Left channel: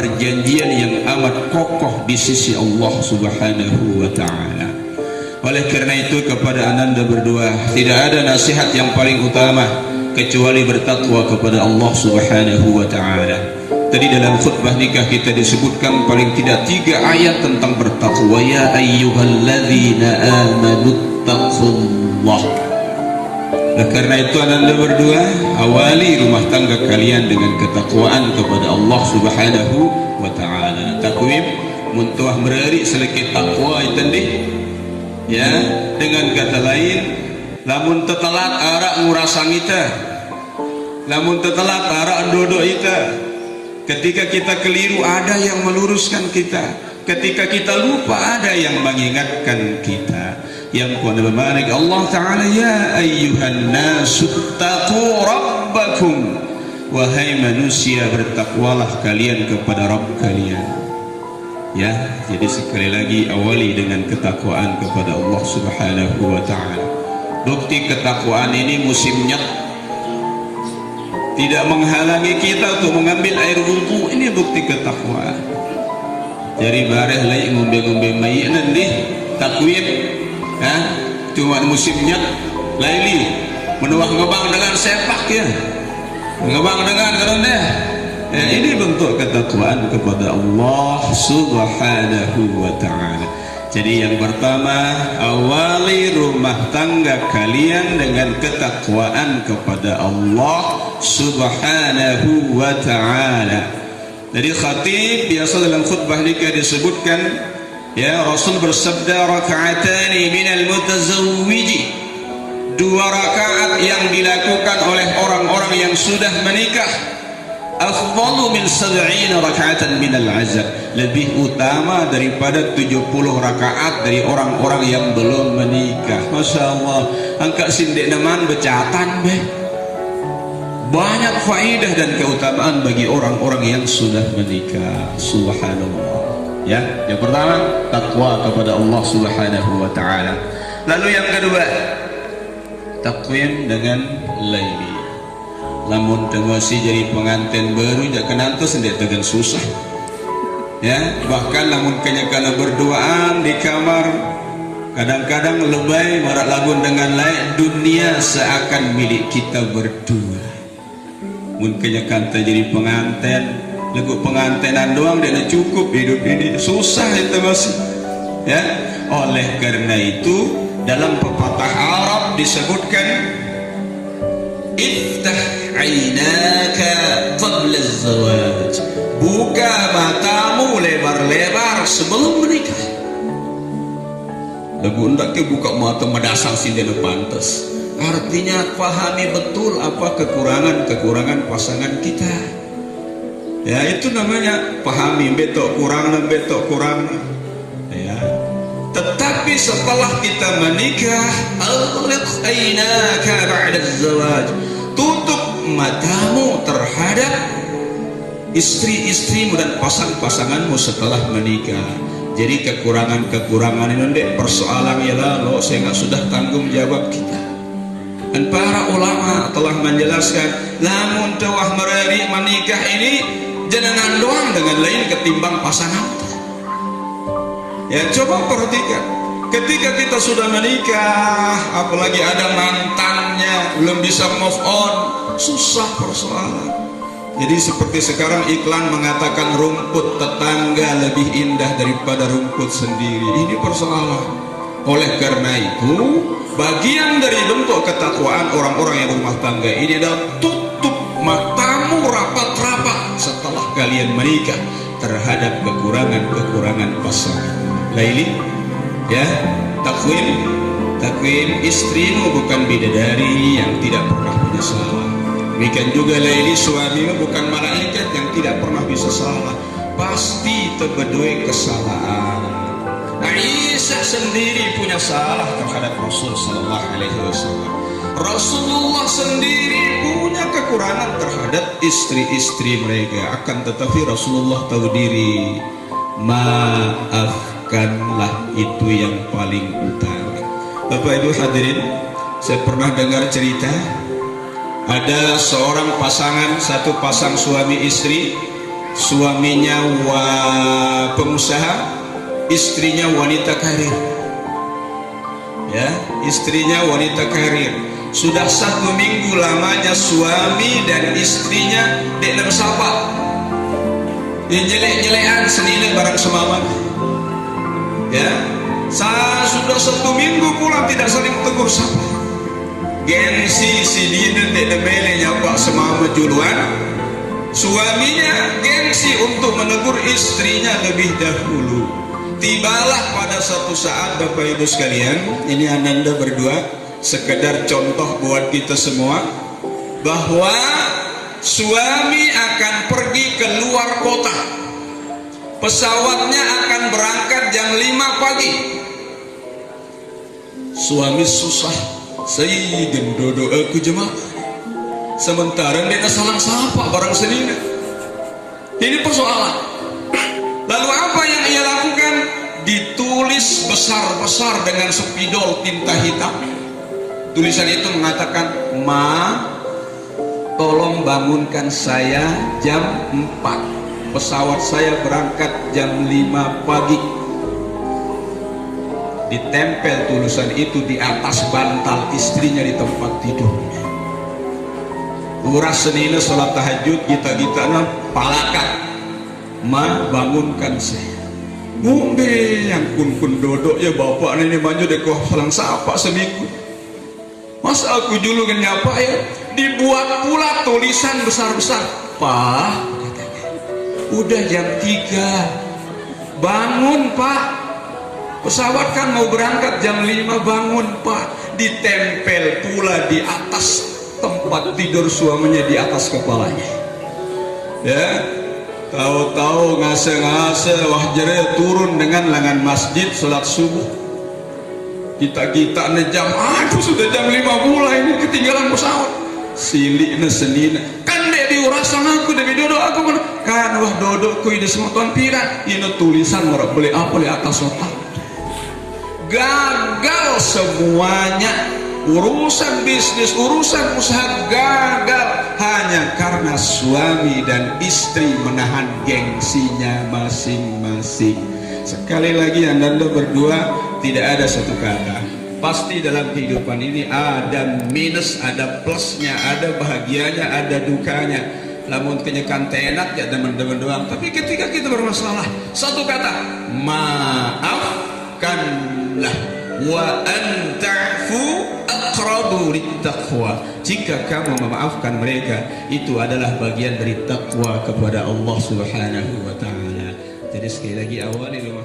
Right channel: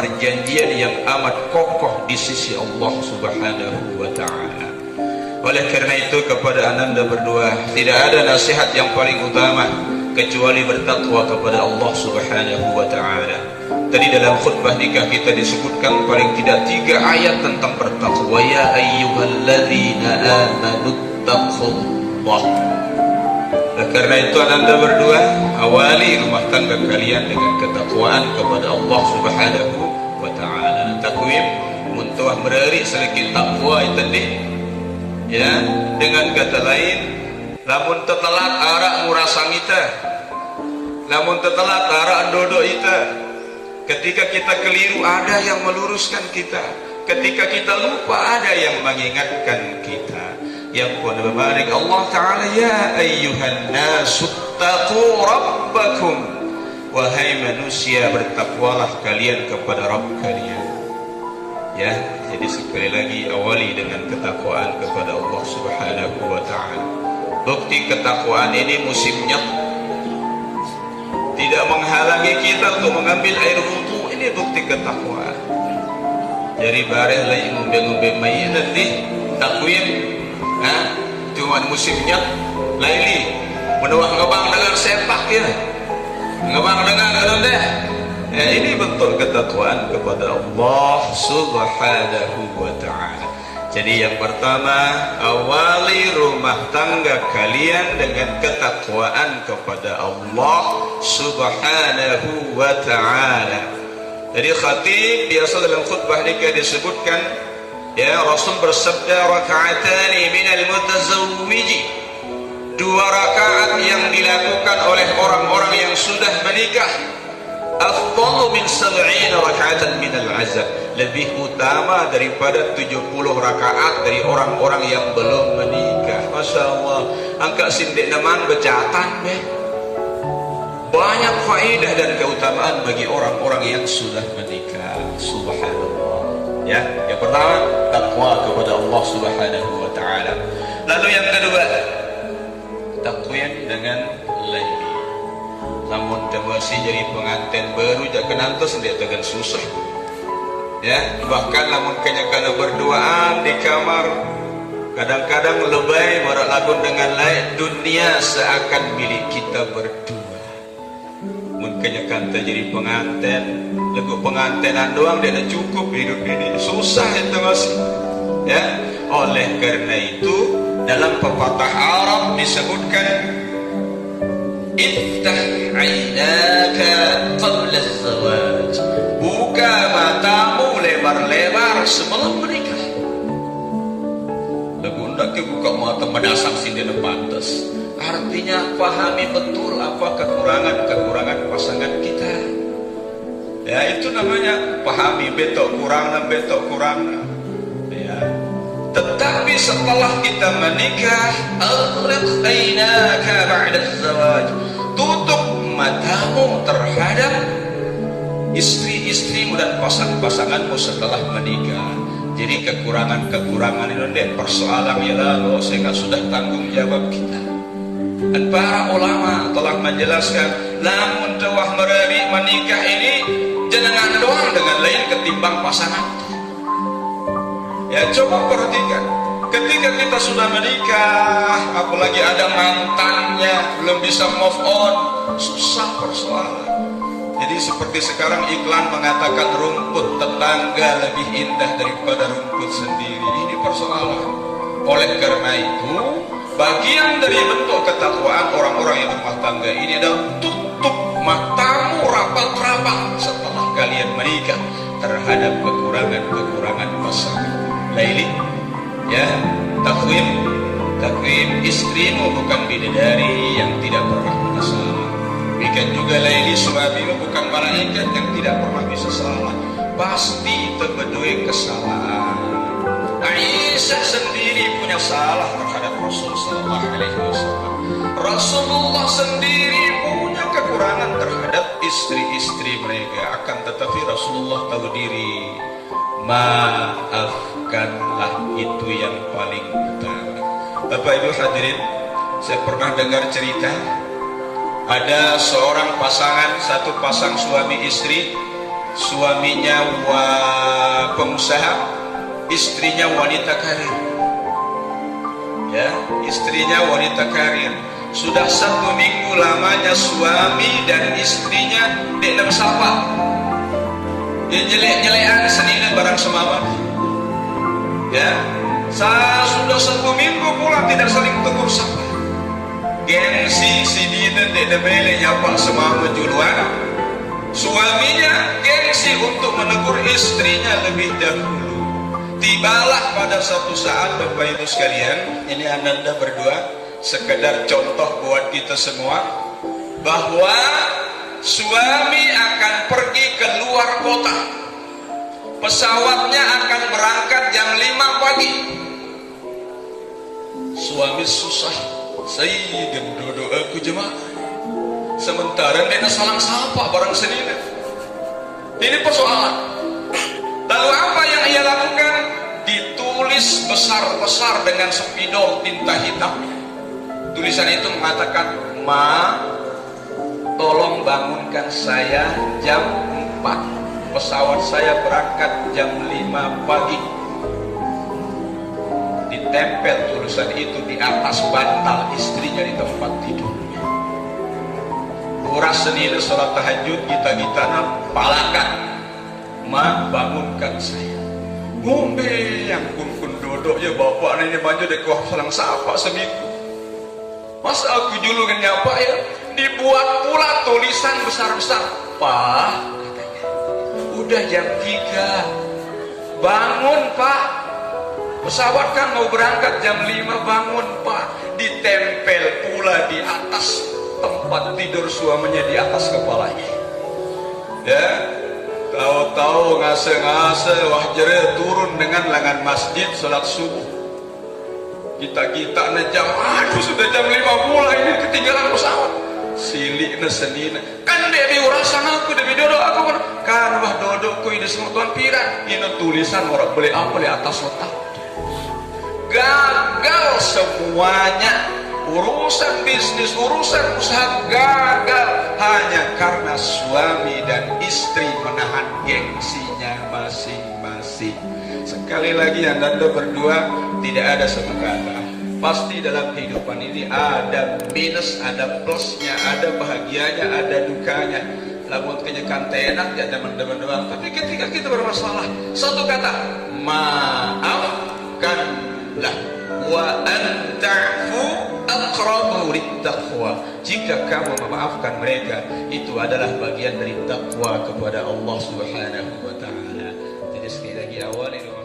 perjanjian yang amat kokoh di sisi Allah Subhanahu wa ta'ala. Oleh karena itu kepada ananda berdua, tidak ada nasihat yang paling utama kecuali bertakwa kepada Allah Subhanahu wa ta'ala. Tadi dalam khutbah nikah kita disebutkan paling tidak 3 ayat tentang bertakwa. Ya ayyuhalladzina amanu taqullah. Karena itu ananda berdua, awali rumah tangga kalian dengan ketakwaan kepada Allah Subhanahu wa ta'ala. Takwim muntuah mereri selekit takwa itu nih. Ya, dengan kata lain, lamun tetelat arak ngurasang kita, lamun tetelat arak dodo kita. Ketika kita keliru ada yang meluruskan kita, ketika kita lupa ada yang mengingatkan kita. Yang pun bermarik Allah Ta'ala, ya ayyuhan nasu taqu rabbakum, wahai manusia bertakwalah kalian kepada Rabb kalian. Ya, jadi sekali lagi awali dengan ketakwaan kepada Allah Subhanahu wa ta'ala. Bukti ketakwaan ini musimnya tidak menghalangi kita untuk mengambil air wudhu. Ini bukti ketakwaan. Jadi bareh lai ngombe-ngombe mai nanti takwim, cuma musimnya laili menuah ngebang dengan sepak ya, ngebang dengan rendah. Nah, ini bentuk ketakwaan kepada Allah Subhanahu wa ta'ala. Jadi yang pertama, awali rumah tangga kalian dengan ketakwaan kepada Allah Subhanahu wa ta'ala. Jadi khatib biasa dalam khutbah nikah disebutkan, ya Rasul bersabda, raka'atani minal mutazawwiji, 2 rakaat yang dilakukan oleh orang-orang yang sudah menikah, afdalu min 70 raka'atan minal azab, lebih utama daripada 70 rakaat dari orang-orang yang belum menikah. Masya Allah, angka sindik naman becatan beh. Banyak faedah dan keutamaan bagi orang-orang yang sudah menikah. Subhanallah. Ya, yang pertama takwa kepada Allah Subhanahu wa ta'ala. Lalu yang kedua, takwim dengan laili. Lamun masih jadi pengantin baru jak kenantos dia tegan susah. Ya, bahkan lamun kena berduaan di kamar, kadang-kadang lebay marak lagun dengan lain, dunia seakan milik kita berdua. Mun kenyakan jadi pengantin, lagu pengantinan doang dia cukup hidup ini, susah itu masih. Ya, oleh karena itu dalam pepatah Arab disebutkan, iftah aynaka qabla az-zawaj, buka matamu lebar-lebar sebelum menikah. Lagu hendak ke buka mata madasang si dana pantas. Artinya pahami betul apa kekurangan-kekurangan pasangan kita. Ya, itu namanya pahami betok kurang. Ya. Tetapi setelah kita menikah, aghlaq aynaka ba'da az-zawaj, tutup matamu terhadap istri-istrimu dan pasangan-pasanganmu setelah menikah. Jadi kekurangan-kekurangan ini ndek persoalannya lalu sehingga sudah tanggung jawab kita. Dan para ulama telah menjelaskan, lamun tawah merari menikah ini jenengan doang dengan lain ketimbang pasangan. Ya, coba perhatikan, ketika kita sudah menikah, apalagi ada mantannya, belum bisa move on, susah persoalan. Jadi seperti sekarang iklan mengatakan rumput tetangga lebih indah daripada rumput sendiri. Ini persoalan. Oleh karena itu, bagian dari bentuk ketakwaan orang-orang yang rumah tangga ini adalah tutup matamu rapat-rapat setelah kalian menikah terhadap kekurangan-kekurangan pasangan. Laili, ya, takwim istrimu bukan bidadari yang tidak pernah punya salah. Demikian juga laili suamimu bukan malaikat yang tidak pernah bisa salah. Pasti terbedui kesalahan. Aisyah sendiri punya salah terhadap Rasul sallallahu alaihi wasallam. Rasulullah sendiri punya kekurangan terhadap istri-istri mereka, akan tetapi Rasulullah tahu diri. Maafkanlah, itu yang paling utama. Bapak Ibu hadirin, saya pernah dengar cerita ada seorang pasangan, satu pasang suami istri suaminya pengusaha, istrinya wanita karir. Ya, istrinya wanita karir. Sudah 1 minggu lamanya suami dan istrinya dek nama sapa. Ya nyelek-nyelekan senilai barang semalam. Ya, sudah 1 minggu pula tidak saling tegur sapa. Gengsi si dina dek demele nyapa semalam juluan. Suaminya gengsi untuk menegur istrinya lebih dahulu. Tibalah pada suatu saat Bapak Ibu sekalian, ini ananda berdua sekedar contoh buat kita semua, bahwa suami akan pergi ke luar kota. Pesawatnya akan berangkat jam 5 pagi. Suami susah, saya gendodo aku jemaah. Sementara dia kesalang sapa barang senina. Ini persoalan. Lalu apa yang ia lakukan? Ditulis besar-besar dengan spidol tinta hitam. Tulisan itu mengatakan, "Ma, tolong bangunkan saya jam 4. Pesawat saya berangkat jam 5 pagi." Ditempel tulisan itu di atas bantal istrinya di tempat tidurnya. Uras senina sholat tahajud, kita palakan. "Ma, bangunkan saya." Ngombe yang kun dodok ya bapak ini maju dek wah salang sapa seminggu. Mas aku dulu nyapa ya. Dibuat pula tulisan besar-besar. "Pak," katanya, "udah jam 3. Bangun Pak. Pesawat kan mau berangkat jam 5, bangun Pak." Ditempel pula di atas tempat tidur suaminya, di atas kepalanya. Ya. Tahu-tahu ngase-ngase wah jere turun dengan lengan masjid salat subuh. Kita nejam, aduh sudah jam 5 pula ini ketinggalan pesawat. Silikna senina. Kan dek diurasan aku, dek dodo aku kan wah dodo ku di semutan pira. Ini tulisan orang beli apa di atas otak. Gagal semuanya. Urusan bisnis, urusan usaha gagal hanya karena suami dan istri menahan gengsinya masing-masing. Sekali lagi anda berdua tidak ada satu kata. Pasti dalam kehidupan ini ada minus, ada plusnya, ada bahagianya, ada dukanya. Namun kenyakan enak ya teman-teman doang. Tapi ketika kita bermasalah, satu kata, maafkanlah. Wa anta'fu aqrabu littaqwa. Jika kamu memaafkan mereka, itu adalah bagian dari takwa kepada Allah Subhanahu wa taala. Jadi sekali lagi awali